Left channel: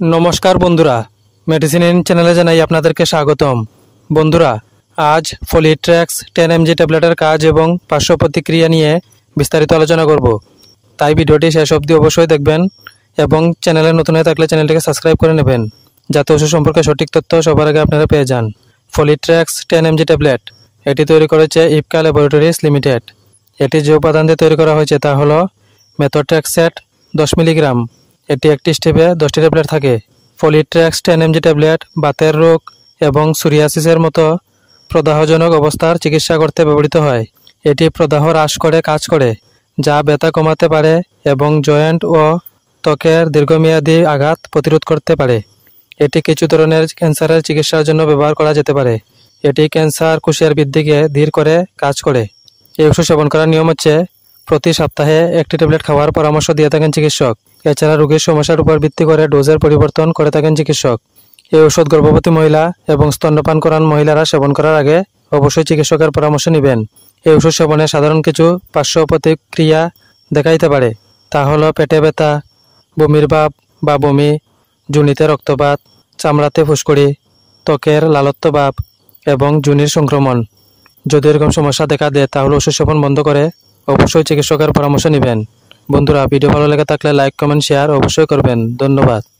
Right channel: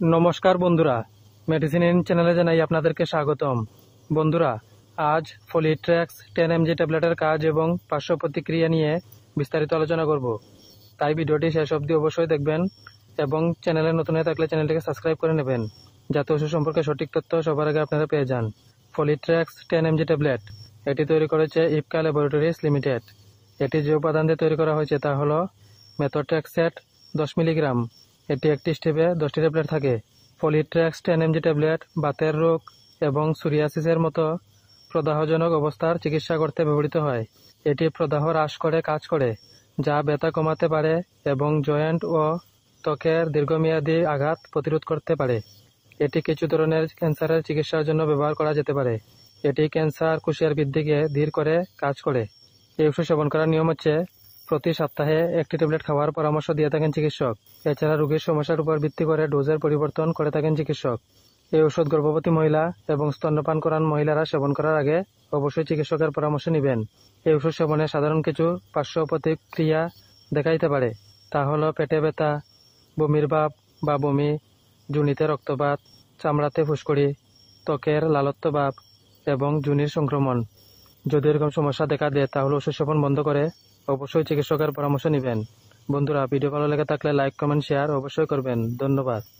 নমস্কার বন্ধুরা, medicine in চ্যানেলে জানাই আপনাদেরকে স্বাগতম। বন্ধুরা, আজ ফলিট্রেক্স 10 mg ট্যাবলেটের কাজ এবং পার্শ্ব প্রতিক্রিয়া নিয়ে বিস্তারিত আলোচনা করব। তাই ভিডিওটি শেষ অবধি অবশ্যই দেখবেন এবং চ্যানেলে নতুন হয়ে থাকলে চ্যানেলটিকে সাবস্ক্রাইব করে নেবেন, যাতে ওষুধ সম্পর্কে সঠিক তথ্য সবার আগে আপনারা পেয়ে যান। ফলিট্রেক্স 10 mg ট্যাবলেট এটি তৈরি করেছে ইপকা ল্যাবরেটরিজ লিমিটেড। এটি যে উপাদান দিয়ে তৈরি করা হয়েছে তা হলো মেথোট্রেক্সেট 10 মিলিগ্রাম। এটি একটি স্টেপে 10টি ট্যাবলেট থাকে। ফলিট্রেক্স 10 mg ট্যাবলেট বাতের রোগ এবং সোরিয়াসিসের মতো প্রদাহজনক অবস্থার চিকিৎসা করতে ব্যবহৃত হয়। এটি প্রদাহ হ্রাস করে কাজ করে, যা ব্যথা কমাতে পারে এবং জয়েন্ট ও ত্বকের দীর্ঘমেয়াদী আঘাত প্রতিরোধ করতে পারে। এটি কিছু ধরনের ক্যান্সারের চিকিৎসার জন্য ব্যবহার করা যেতে পারে। এটি ক্যান্সার কোষের বৃদ্ধিকে ধীর করে কাজ করে। এই ওষুধ সেবন করার নিয়ম হচ্ছে প্রতি সপ্তাহে একটি ট্যাবলেট খাওয়ার পরামর্শ দিয়ে থাকেন চিকিৎসক। এছাড়া রোগীর সমস্যার উপর ভিত্তি করে ডোজের পরিবর্তন করে থাকেন চিকিৎসক। এই ওষুধ গর্ভবতী মহিলা এবং স্তন্যপান করান মহিলারা সেবন করার আগে অবশ্যই চিকিৎসকের পরামর্শ নেবেন। এই ওষুধ সেবনে সাধারণ কিছু পার্শ্ব প্রতিক্রিয়া দেখা দিতে পারে। তা হলো পেটে ব্যথা, বমির ভাব বা বমি, যোনিতে রক্তপাত, চামড়াতে ফুসকুড়ি, ত্বকের লালত্ব ভাব এবং যোনির সংক্রমণ। যদি এরকম সমস্যা দেখা দেয় তাহলে ওষুধ সেবন বন্ধ করে অবশ্যই চিকিৎসকের পরামর্শ নেবেন। বন্ধুরা, ভিডিও ভালো লেগে থাকলে লাইক, কমেন্ট, শেয়ার অবশ্যই করবেন। ধন্যবাদ।